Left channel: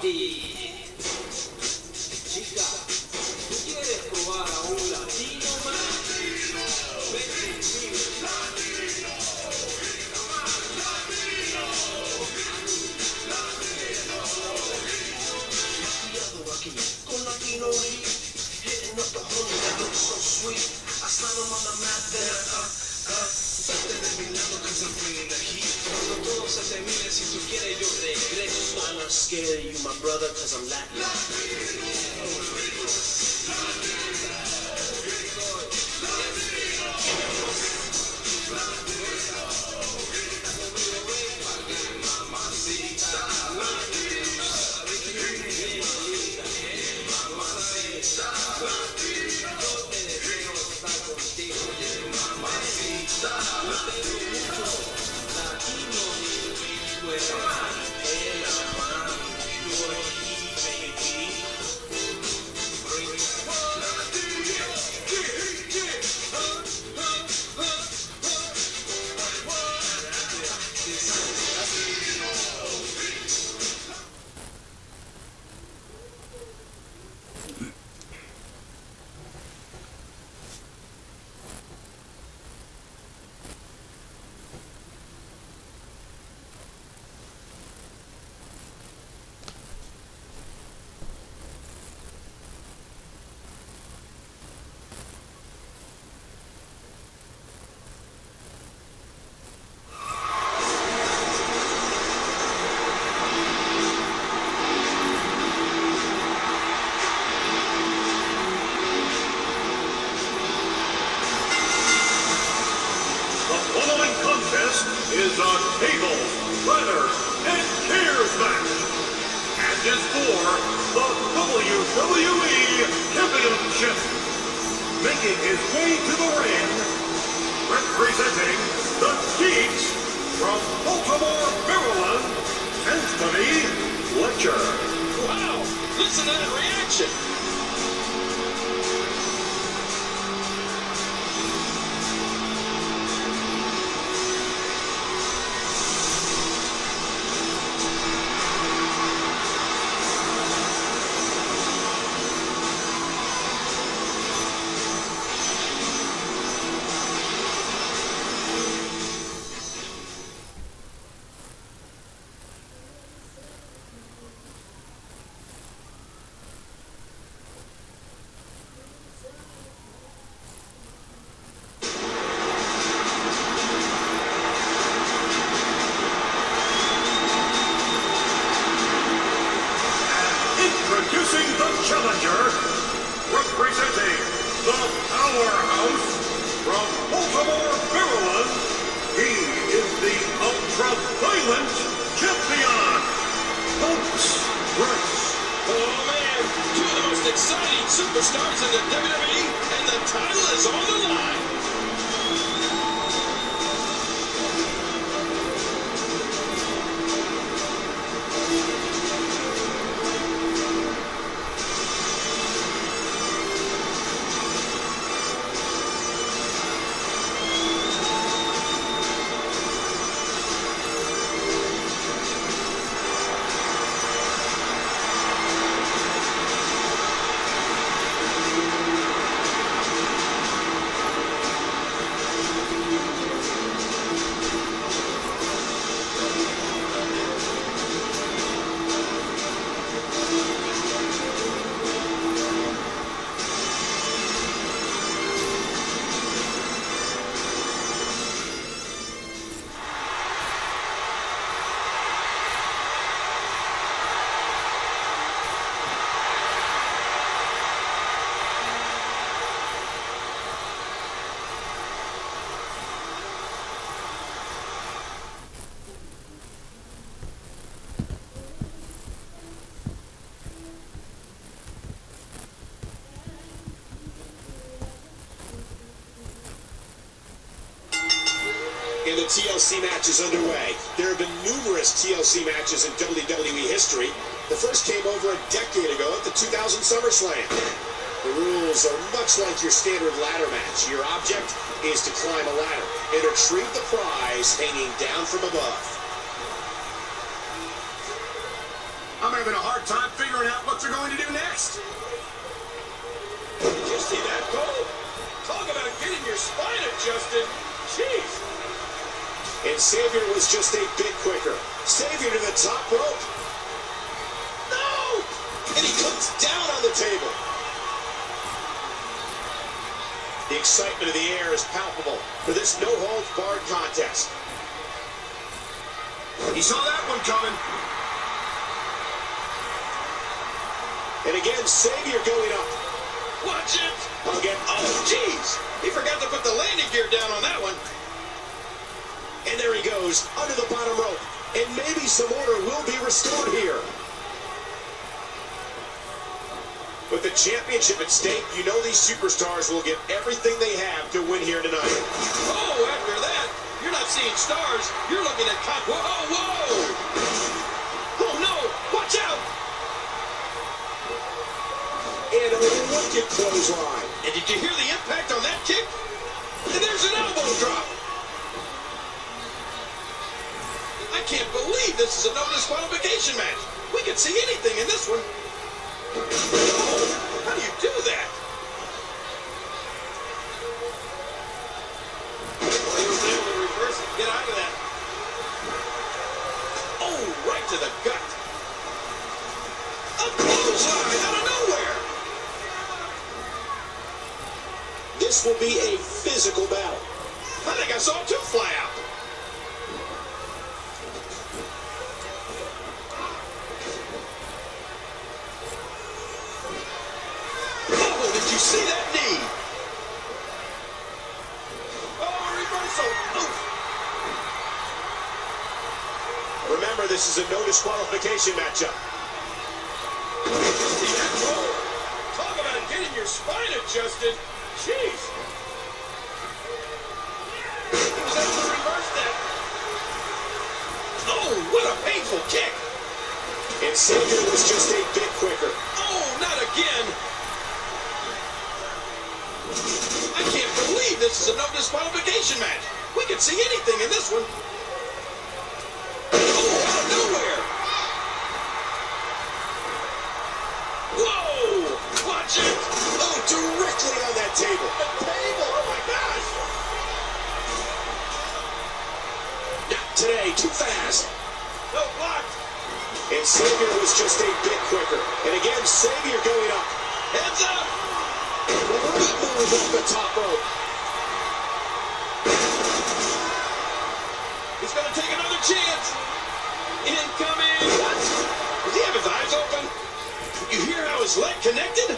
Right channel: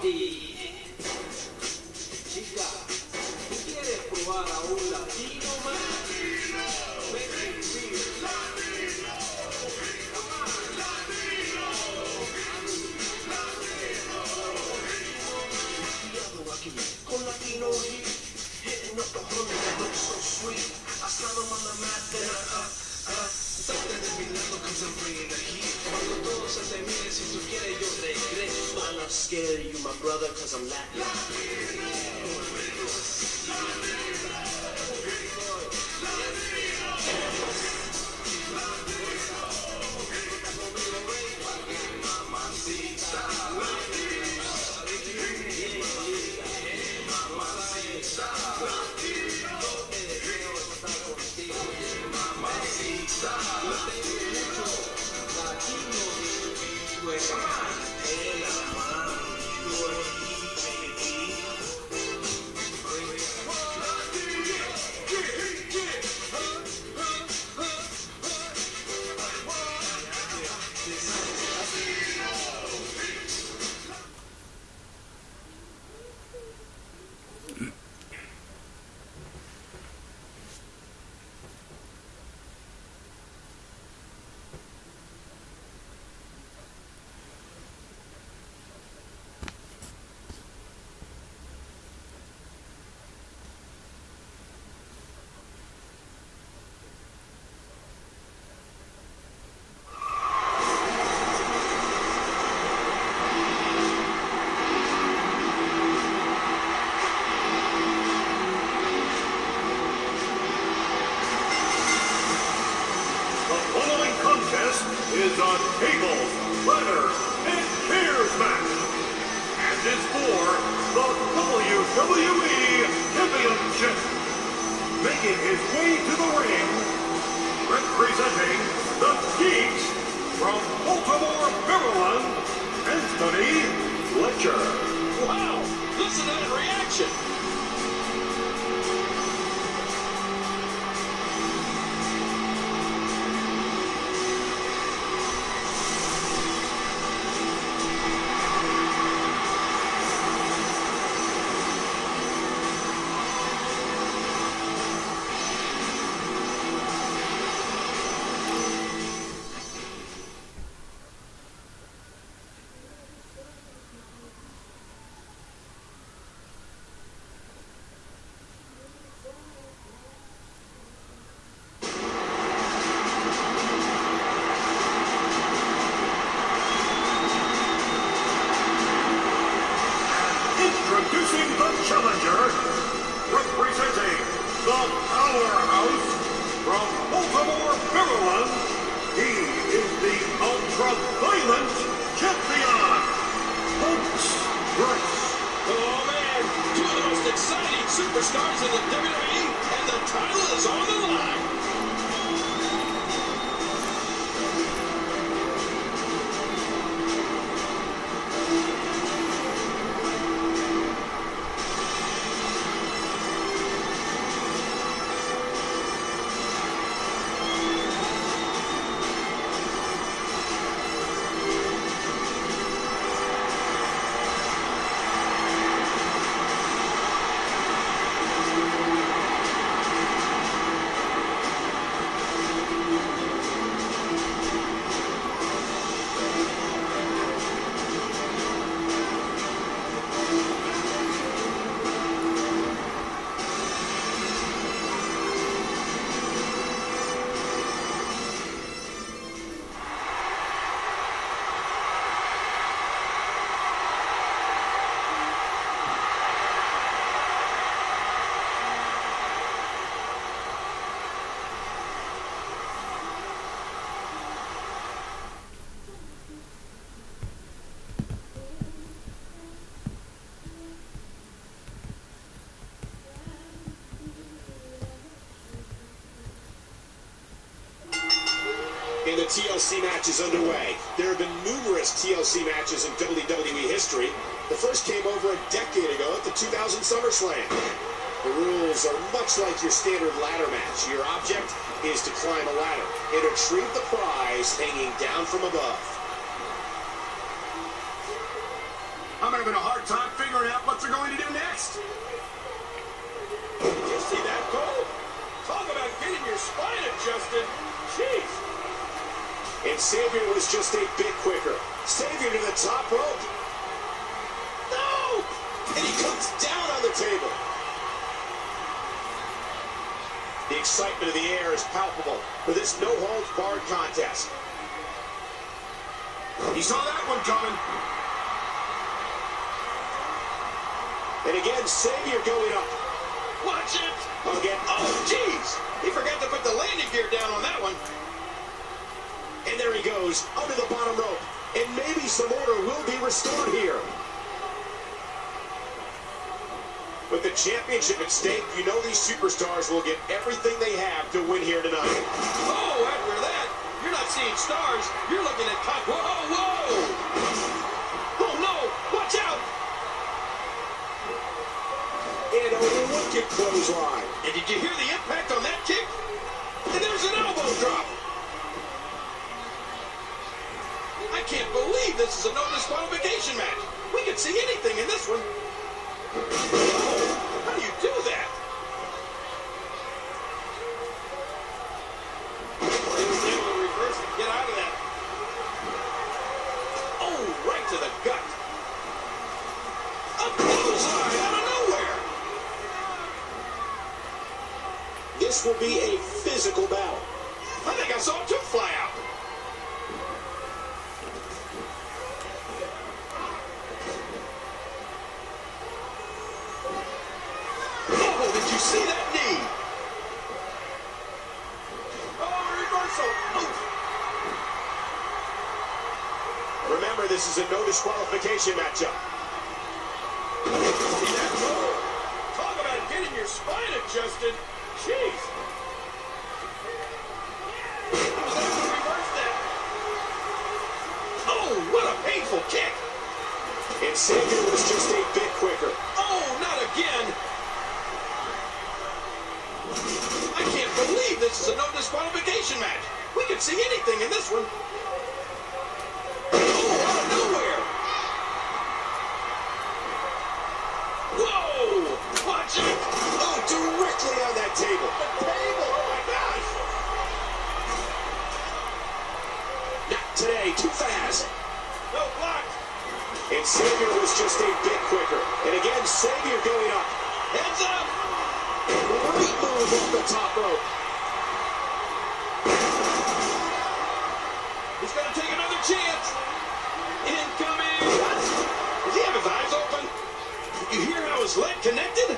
ti. Chica, ¿tú quieres probar a un latino más? Ven conmigo. Con latino heat, hitting up the hood that looks so sweet. I slide them on the mat there, suelten de mi lado cause I'm bringing the heat. Cuando todo se termine, si tú quieres yo regreso. I'm not scared of you, my brother, cause I'm Latin. Is a table, ladder, and chairs match, and is for the WWE Championship. Making his way to the ring, representing the Geeks from Baltimore, Maryland, Anthony Fletcher. Wow, listen to that reaction. Introducing the challenger, representing the powerhouse from Baltimore, Maryland, he is the ultra-violent champion, Punch Grace. Oh man, two of the most exciting superstars in the WWE, and the title is on the line. And the TLC match is underway. There have been numerous TLC matches in WWE history. The first came over a decade ago at the 2000 SummerSlam. The rules are much like your standard ladder match. Your object is to climb a ladder and retrieve the prize hanging down from above. I'm having a hard time figuring out what they're going to do next. Did you see that, Cole? Talk about getting your spine adjusted. Jeez. And Xavier was just a bit quicker. Xavier to the top rope. No! And he comes down on the table. The excitement of the air is palpable for this no-holds-barred contest. He saw that one coming. And again, Xavier going up. Watch it. Again. Oh, jeez. He forgot to put the landing gear down on that one. And there he goes, under the bottom rope. And maybe some order will be restored here. With the championship at stake, you know these superstars will get everything they have to win here tonight. Oh, after that, you're not seeing stars. You're looking at top. Whoa, whoa. Oh, no. Watch out. And a wicked clothesline. And did you hear the impact on that kick? And there's an elbow drop. I can't believe this is a no disqualification match. We could see anything in this one. Oh, how do you do that? Well, he was able to reverse it, get out of that. Oh, right to the gut. A bullseye out of nowhere. This will be a physical battle. I think I saw two fly out. Oh, did you see that knee? Oh, reversal. Oh. Remember, this is a no disqualification matchup. See that roll? Talk about getting your spine adjusted. Jeez. He was able to reverse that. Oh, what a painful kick. And Xavier was just a bit quicker. Oh, not again. I can't believe this is a no disqualification match. We could see anything in this one. Oh, out of nowhere. Whoa! Watch it! Oh, directly on that table. The table! Oh my gosh! Not today, too fast. No block! And Xavier was just a bit quicker. And again, Xavier going up. Heads up! Great move off the top rope. He's gonna take another chance. Incoming! What? Does he have his eyes open? You hear how his leg connected?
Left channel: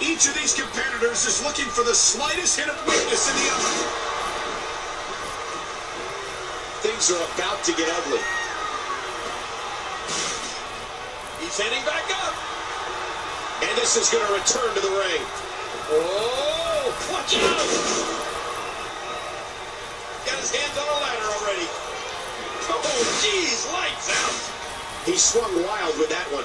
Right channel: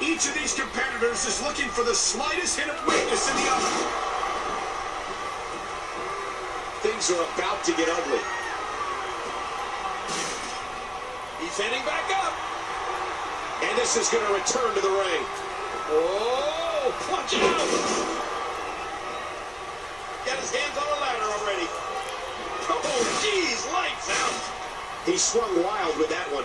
Each of these competitors is looking for the slightest hint of weakness in the other. Things are about to get ugly. He's heading back up. And this is going to return to the ring. Oh, watch out! Got his hands on a ladder already. Oh, geez, lights out. He swung wild with that one.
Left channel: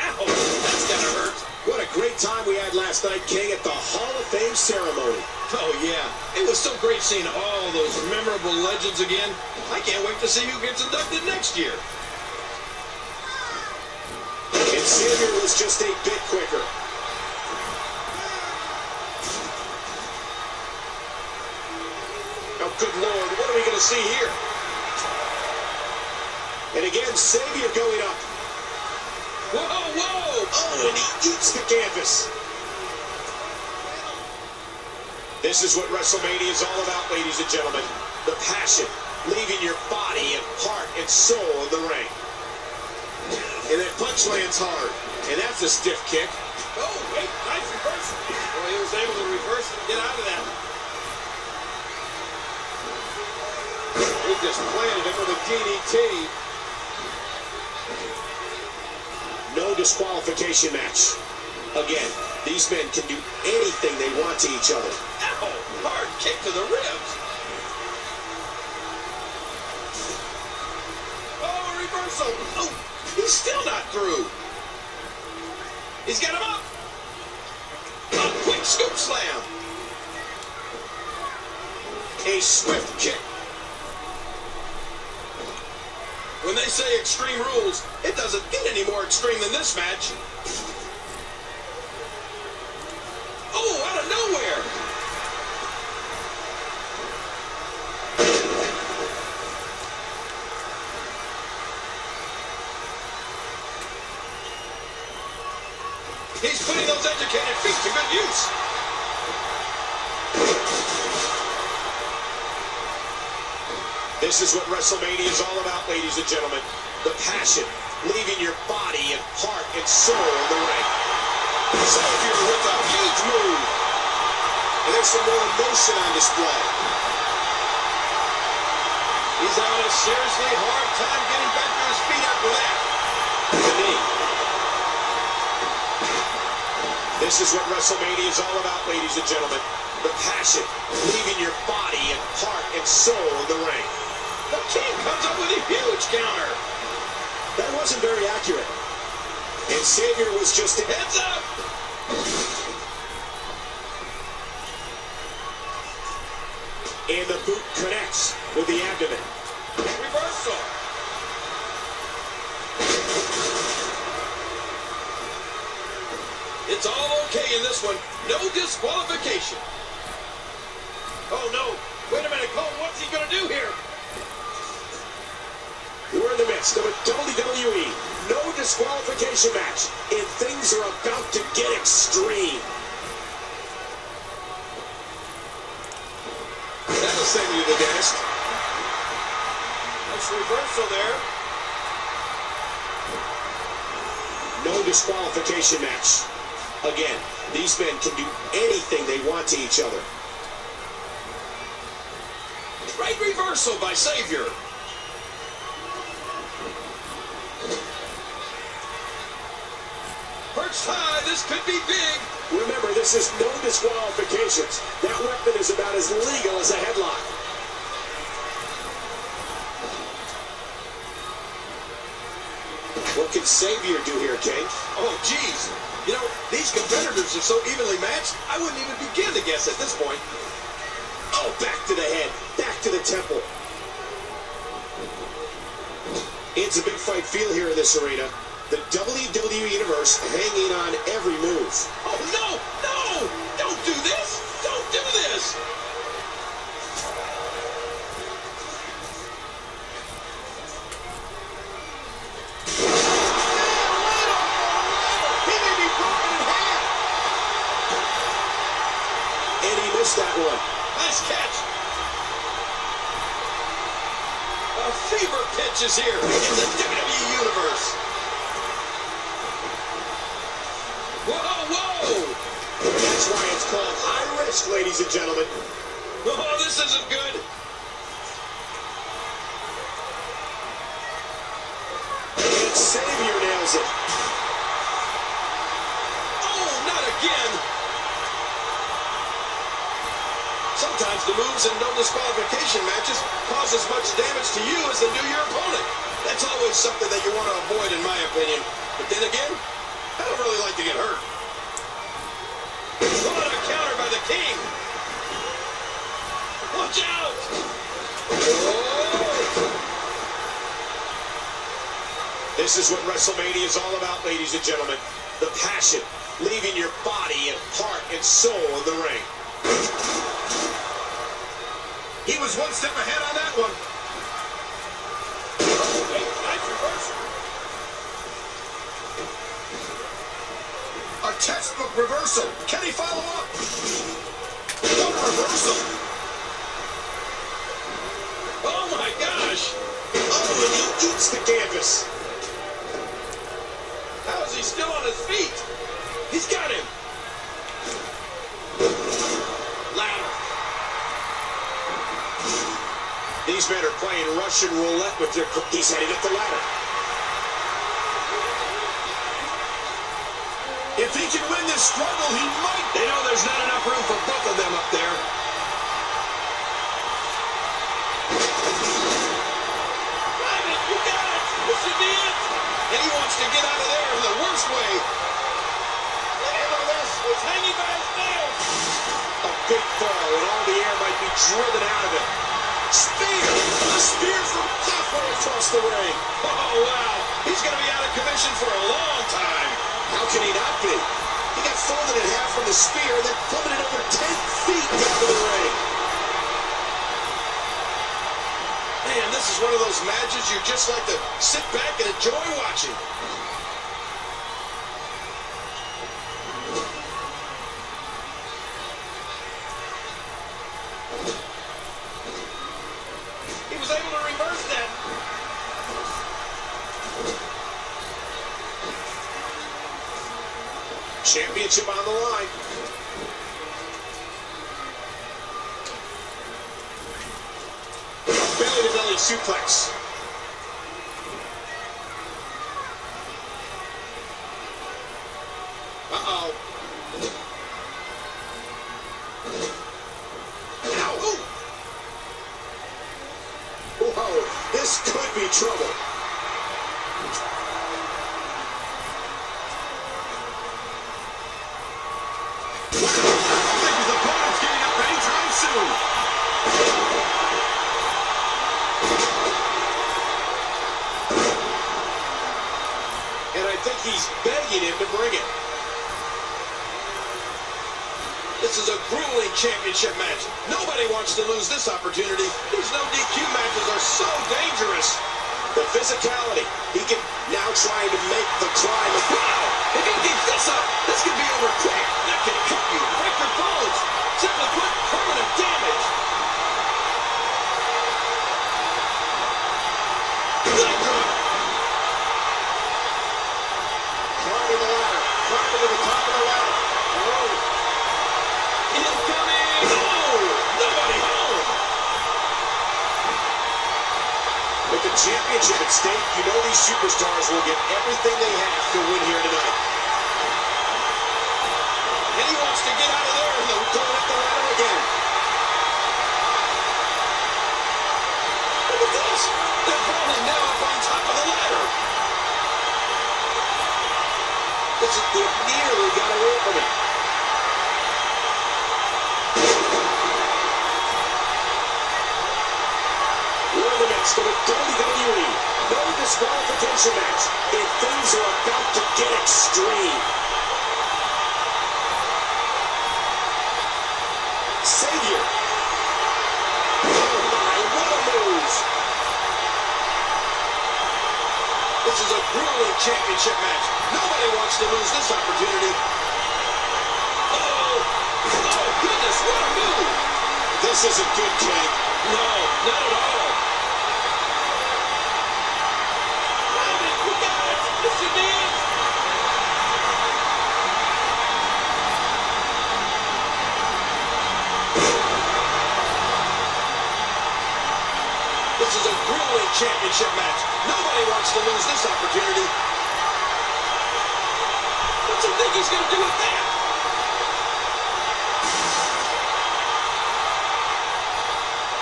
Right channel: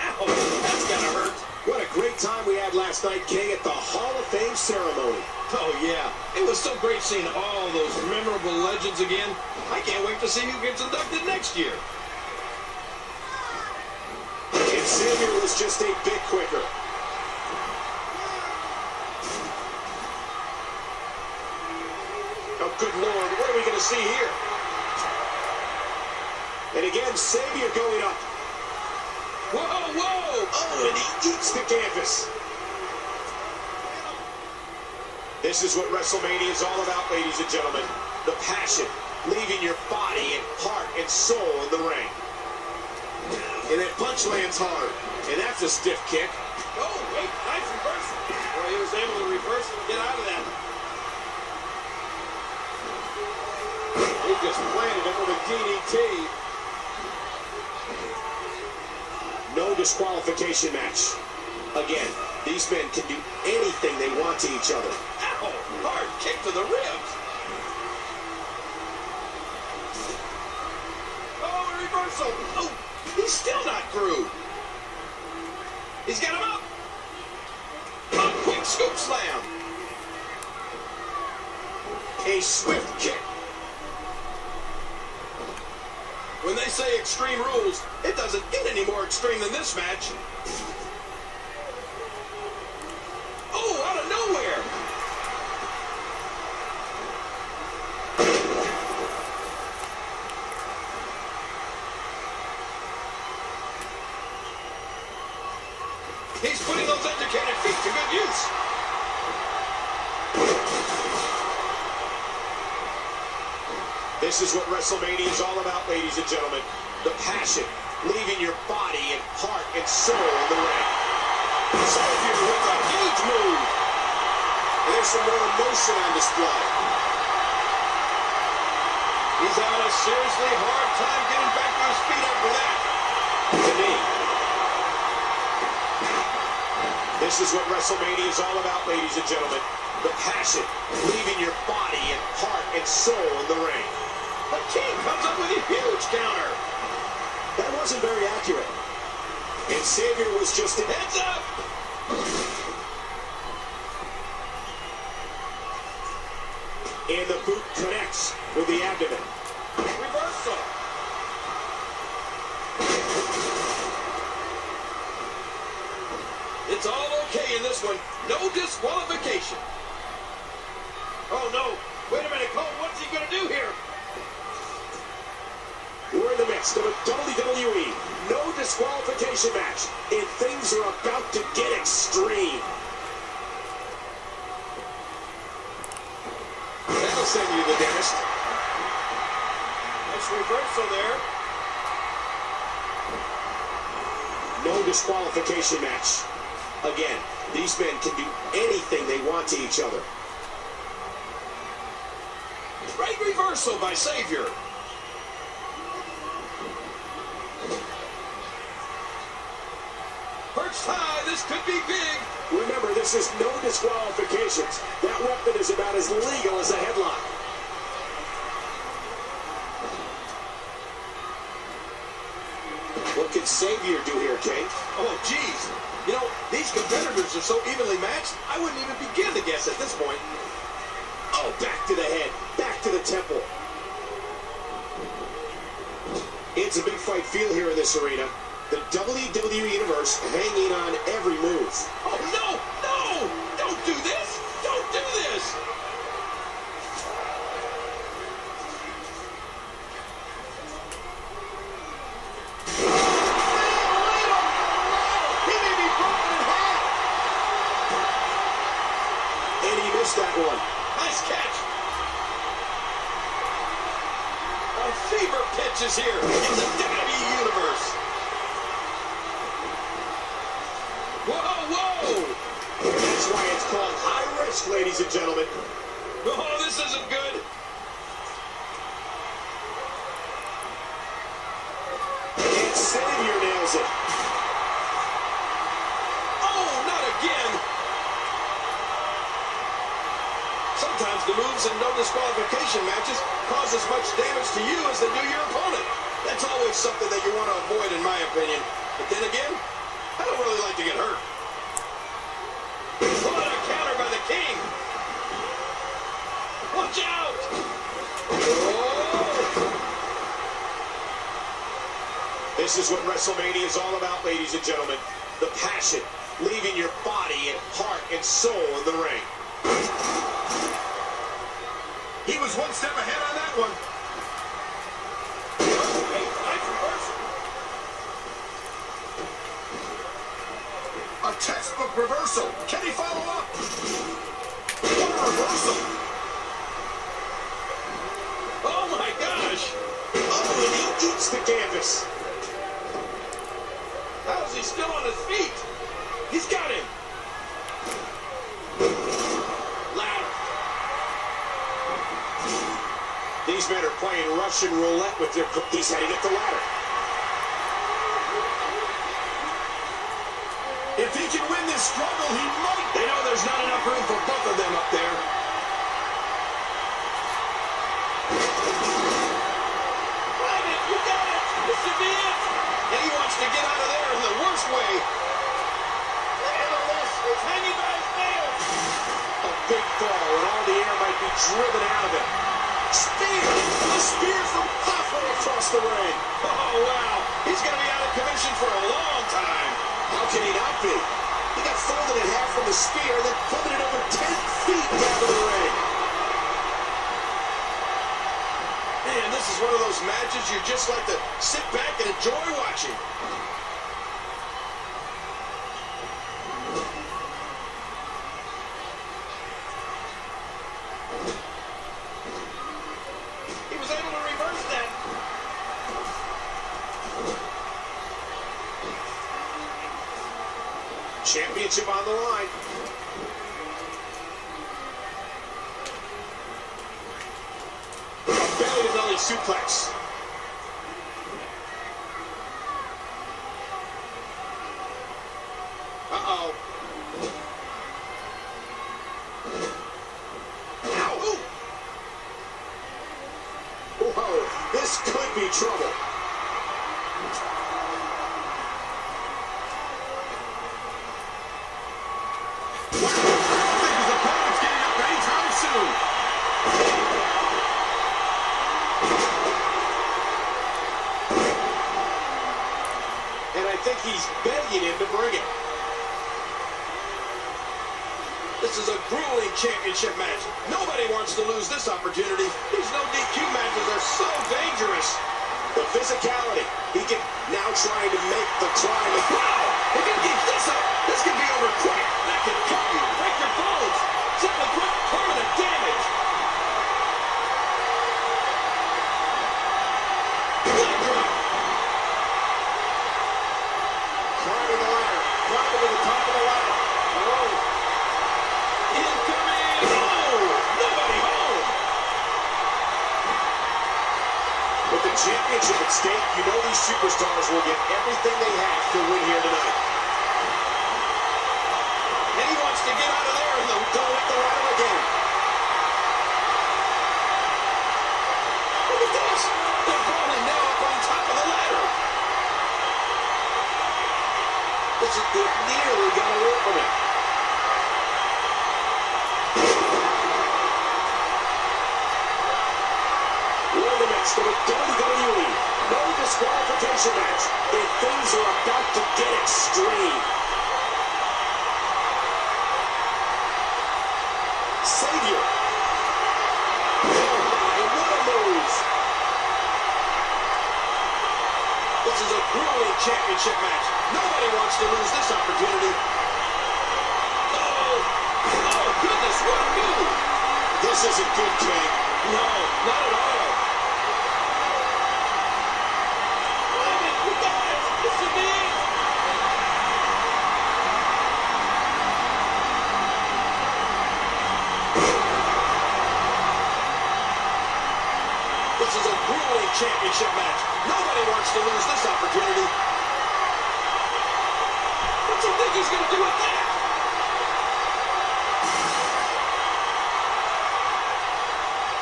Ow, that's gonna hurt. What a great time we had last night, King, at the Hall of Fame ceremony. Oh, yeah. It was so great seeing all those memorable legends again. I can't wait to see who gets inducted next year. And Xavier was just a bit quicker. Oh, good Lord, what are we going to see here? And again, Xavier going up. Whoa, whoa! Oh, and he eats the canvas. This is what WrestleMania is all about, ladies and gentlemen. The passion, leaving your body and heart and soul in the ring. And that punch lands hard. And that's a stiff kick. Oh, wait, nice reversal. Boy, he was able to reverse it and get out of that. He just planted him with a DDT. No disqualification match. Again, these men can do anything they want to each other. Ow, hard kick to the ribs. Oh, a reversal. Oh, he's still not through. He's got him up. A quick scoop slam. A swift kick. When they say Extreme Rules, it doesn't get any more extreme than this match. Oh, out of nowhere! He's putting those educated feet to good use. This is what WrestleMania is all about, ladies and gentlemen. The passion, leaving your body and heart and soul in the ring. Savior with a huge move. And there's some more emotion on display. He's having a seriously hard time getting back to his feet after that. The knee. This is what WrestleMania is all about, ladies and gentlemen. The passion, leaving your body and heart and soul in the ring. The King comes up with a huge counter. That wasn't very accurate. And Savior was just in. Heads up! And the boot connects with the abdomen. Reversal. It's all okay in this one. No disqualification. Oh, no. Wait a minute, Cole. What's he going to do here? We're in the midst of a WWE no disqualification match, and things are about to get extreme. That'll send you to the dentist. Nice reversal there. No disqualification match. Again, these men can do anything they want to each other. Great reversal by Savior. Perched high, this could be big. Remember, this is no disqualifications. That weapon is about as legal as a headlock. What can Savior do here, King? Oh, geez. You know, these competitors are so evenly matched, I wouldn't even begin to guess at this point. Oh, back to the head, back to the temple. It's a big fight feel here in this arena. The WWE Universe hanging on every move. Oh, no! No! Don't do this! Don't do this! He may be broken in half. And he missed that one. Nice catch! A fever pitch is here in the WWE Universe. Whoa, whoa! That's why it's called high risk, ladies and gentlemen. Oh, this isn't good. And Savior nails it. Oh, not again. Sometimes the moves in no disqualification matches cause as much damage to you as they do your opponent. That's always something that you want to avoid, in my opinion. But then again, I don't really like to get hurt. What a counter by the King. Watch out. Oh. This is what WrestleMania is all about, ladies and gentlemen. The passion, leaving your body and heart and soul in the ring. He was one step ahead on that one. Oh, hey, nice reversal. A textbook reversal. Can he follow up? What a reversal. Oh, my gosh. Oh, and he eats the canvas. How is he still on his feet? He's got him. Ladder. These men are playing Russian roulette with their... He's heading up the ladder. If he can win this struggle, he might. They know there's not enough room for both of them up there. Drive it, you got it. This should be it. And he wants to get out of there in the worst way. Look at this. He's hanging by his nails. A big fall, and all the air might be driven out of him. Spear! A spear from halfway across across the ring. Oh, wow. He's going to be out of commission for a long time. How can he not be? He got folded in half from the spear, then plummeted over 10 feet down to the ring. Man, this is one of those matches you just like to sit back and enjoy watching. He was able to reverse that. Championship on the line. Belly-to-belly suplex. Uh-oh. Ow! Whoa, this could be trouble. Wow, I don't think his opponent's getting up anytime soon. And I think he's begging him to bring it. This is a grueling championship match. Nobody wants to lose this opportunity. These no DQ matches are so dangerous. The physicality. He can now trying to make the climb. Wow! If he keeps this up, this could be over quick. That can cut you, break your bones, simply put, permanent damage. Leg drop. Climbing the ladder. Climbing to the top of the ladder. Oh. Incoming. Oh! Nobody home. With the championship at stake, you know these superstars will get everything they have to win here tonight. And he wants to get out of there. Going up the ladder again. Look at this. They're falling now up on top of the ladder. It nearly got away from him. We're the next for the WWE. No disqualification match. And things are about to get extreme. Savior. Oh my, what a move. This is a grueling championship match. Nobody wants to lose this opportunity. Oh! Oh, goodness, what a move! This isn't good, King. No, not at all. We got it. This is the end. This is a grueling championship match. Nobody wants to lose this opportunity. What's he think he's going to do with that?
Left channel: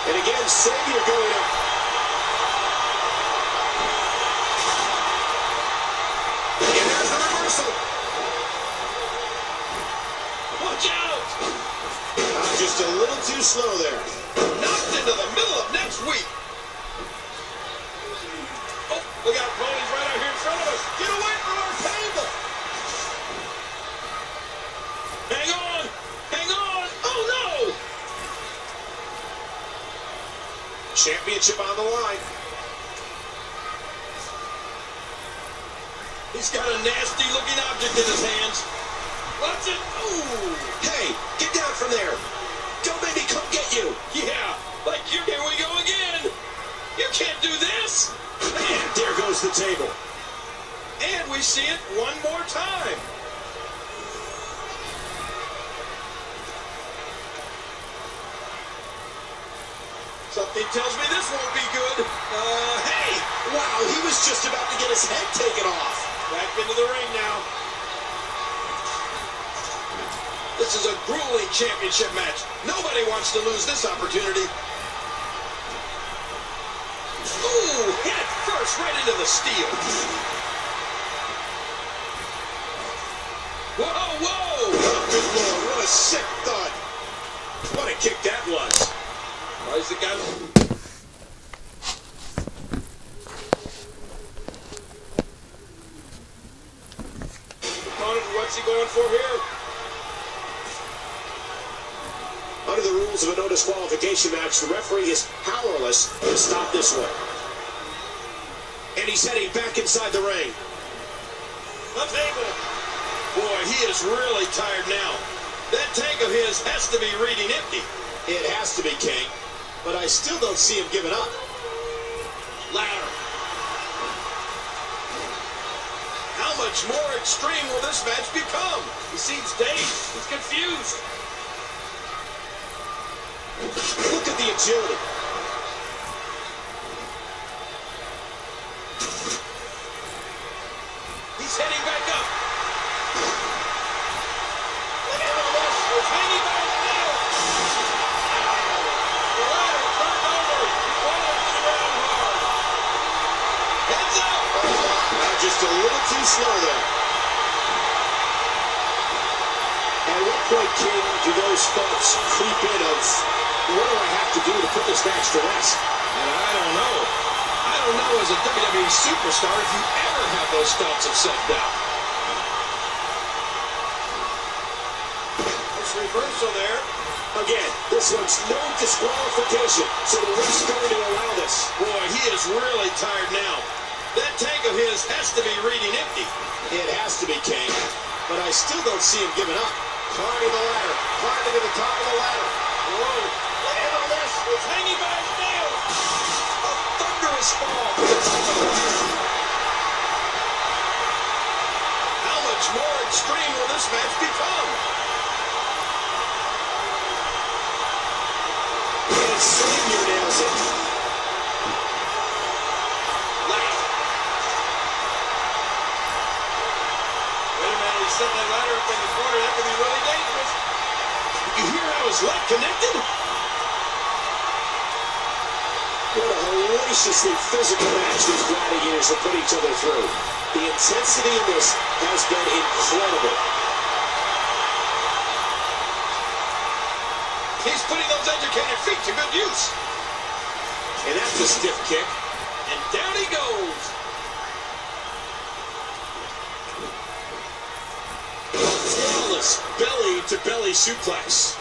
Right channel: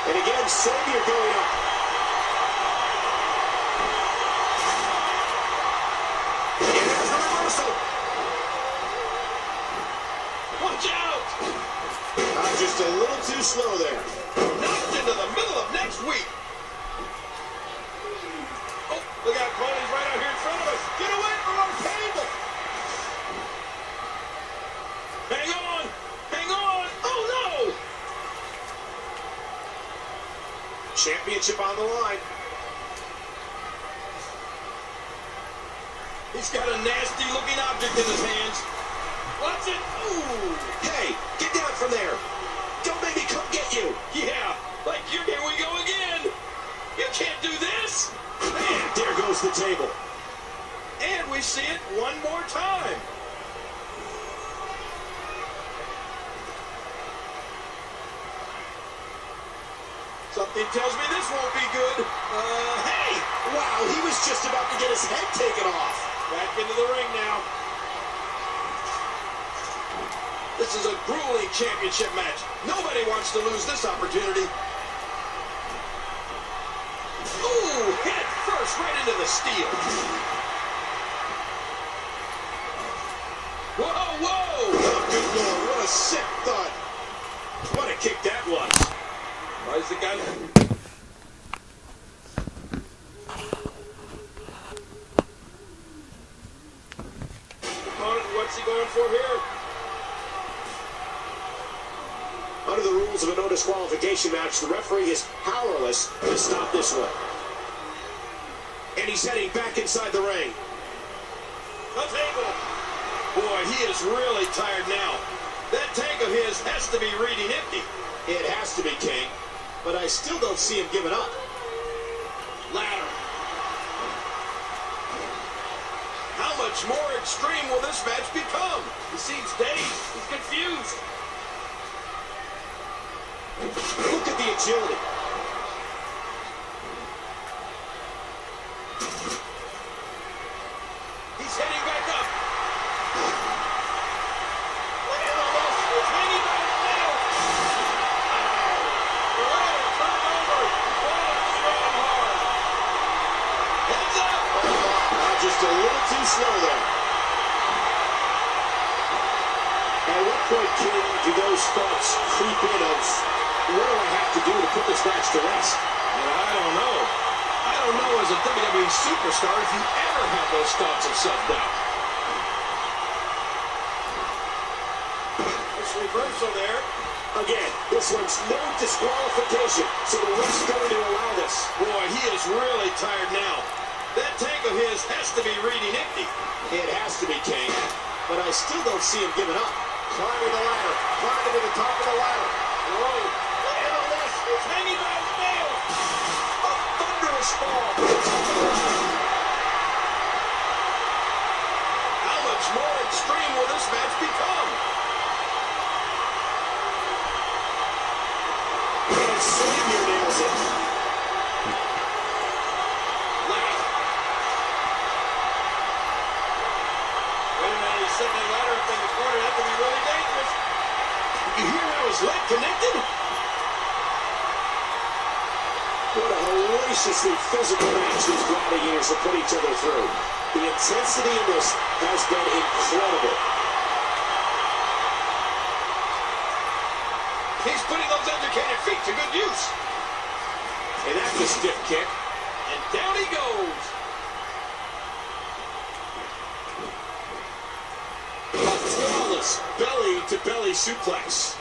And again, Savior going up. And there's the reversal. Watch out! Just a little too slow there. Knocked into the middle of next week. Oh, look out, Cody's right out here in front of us. Get away from our table. Hang on. Hang on. Oh, no. Championship on the line. He's got a nasty-looking object in his hands. Watch it. Ooh. Hey, get down from there. Don't make me come get you. Yeah, like here we go again. You can't do this. And there goes the table. And we see it one more time. Something tells me this won't be good. Hey! Wow, he was just about to get his head taken off. Back into the ring now. This is a grueling championship match. Nobody wants to lose this opportunity. Ooh, head first right into the steel. Whoa, whoa! Oh, good Lord, what a sick thud. What a kick that was. Why is the guy... for here? Under the rules of a no disqualification match, the referee is powerless to stop this one. And he's heading back inside the ring. The table. Boy, he is really tired now. That tank of his has to be reading empty. It has to be, King, but I still don't see him giving up. Ladder. How much more extreme will this match become? He seems dazed. He's confused. Look at the agility. He's heading back up. Look at all this. He's hanging by his nails. The ladder turned over. He's around hard. Heads up. Just a little too slow there. At what point, King, do those thoughts creep in of, what do I have to do to put this match to rest? And I don't know. I don't know as a WWE superstar if you ever have those thoughts of self-doubt. Nice reversal there. Again, this one's no disqualification, so the ref's going to allow this. Boy, he is really tired now. That tank of his has to be reading empty. It has to be, King, but I still don't see him giving up. Climbing the ladder, climbing to the top of the ladder. Whoa, look at all this. He's hanging by his nails. A thunderous fall to the top of the ladder. How much more extreme will this match become? And Savior nails it. Set that ladder up in the corner. That could be really dangerous. You hear how his leg connected? What a hellaciously physical match these gladiators have put each other through. The intensity in this has been incredible. He's putting those educated feet to good use. And that's a stiff kick. And down he goes. Flawless belly-to-belly suplex.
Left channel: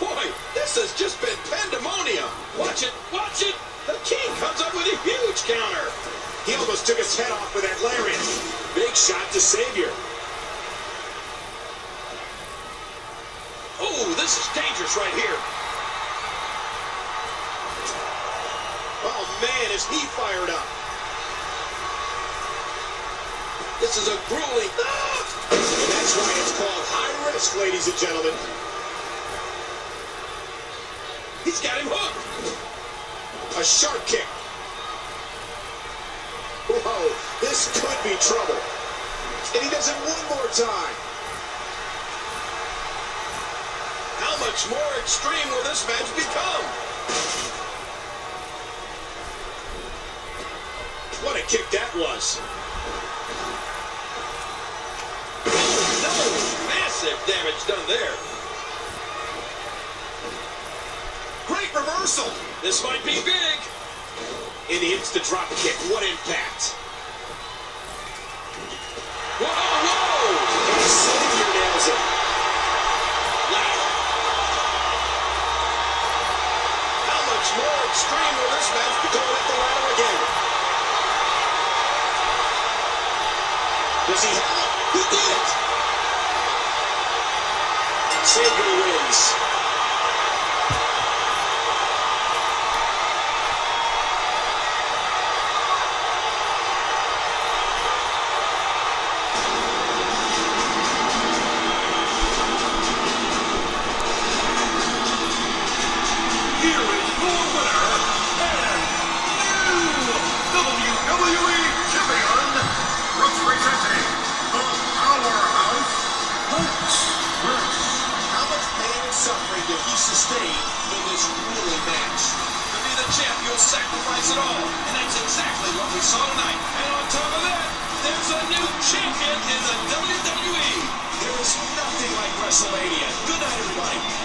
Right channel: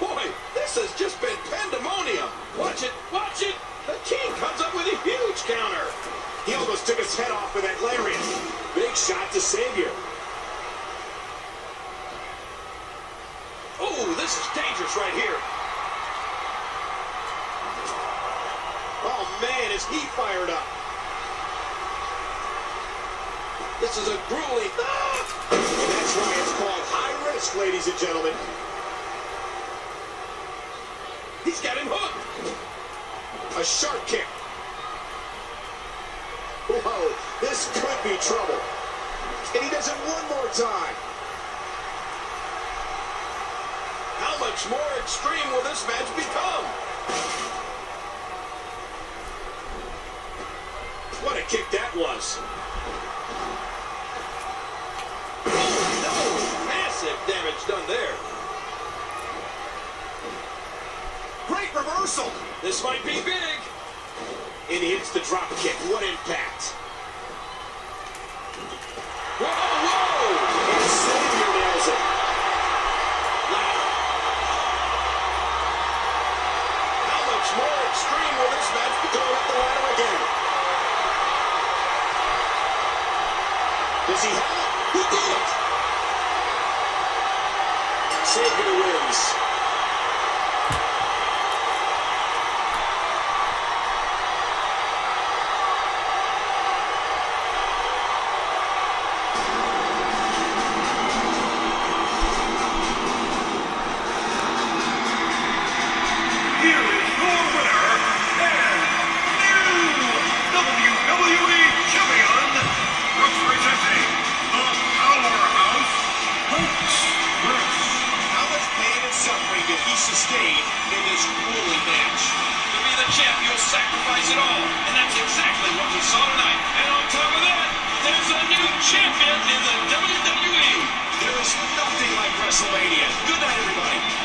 Boy, this has just been pandemonium. Watch it, watch it. The King comes up with a huge counter. He almost took his head off with that lariat. Big shot to Savior. Oh, this is dangerous right here. Oh, man, is he fired up. This is a grueling... Ah! And that's why it's called high risk, ladies and gentlemen. He's got him hooked. A sharp kick. Whoa, this could be trouble. And he does it one more time. How much more extreme will this match become? What a kick that was. Massive damage done there. Great reversal. This might be big. And he hits the drop kick. What impact. Whoa, whoa! And Savior nails it. Ladder. How much more extreme will this match be? Going at the ladder again. Does he have it? He did it. Savior wins. Here is your winner and new WWE Champion, representing the Powerhouse, Hulk Smash. How much pain and suffering did he sustain in this grueling match? To be the champ, you'll sacrifice it all. And that's exactly what we saw tonight. And on top of that, there's a new champion in the WWE. There is nothing like WrestleMania. Good night, everybody.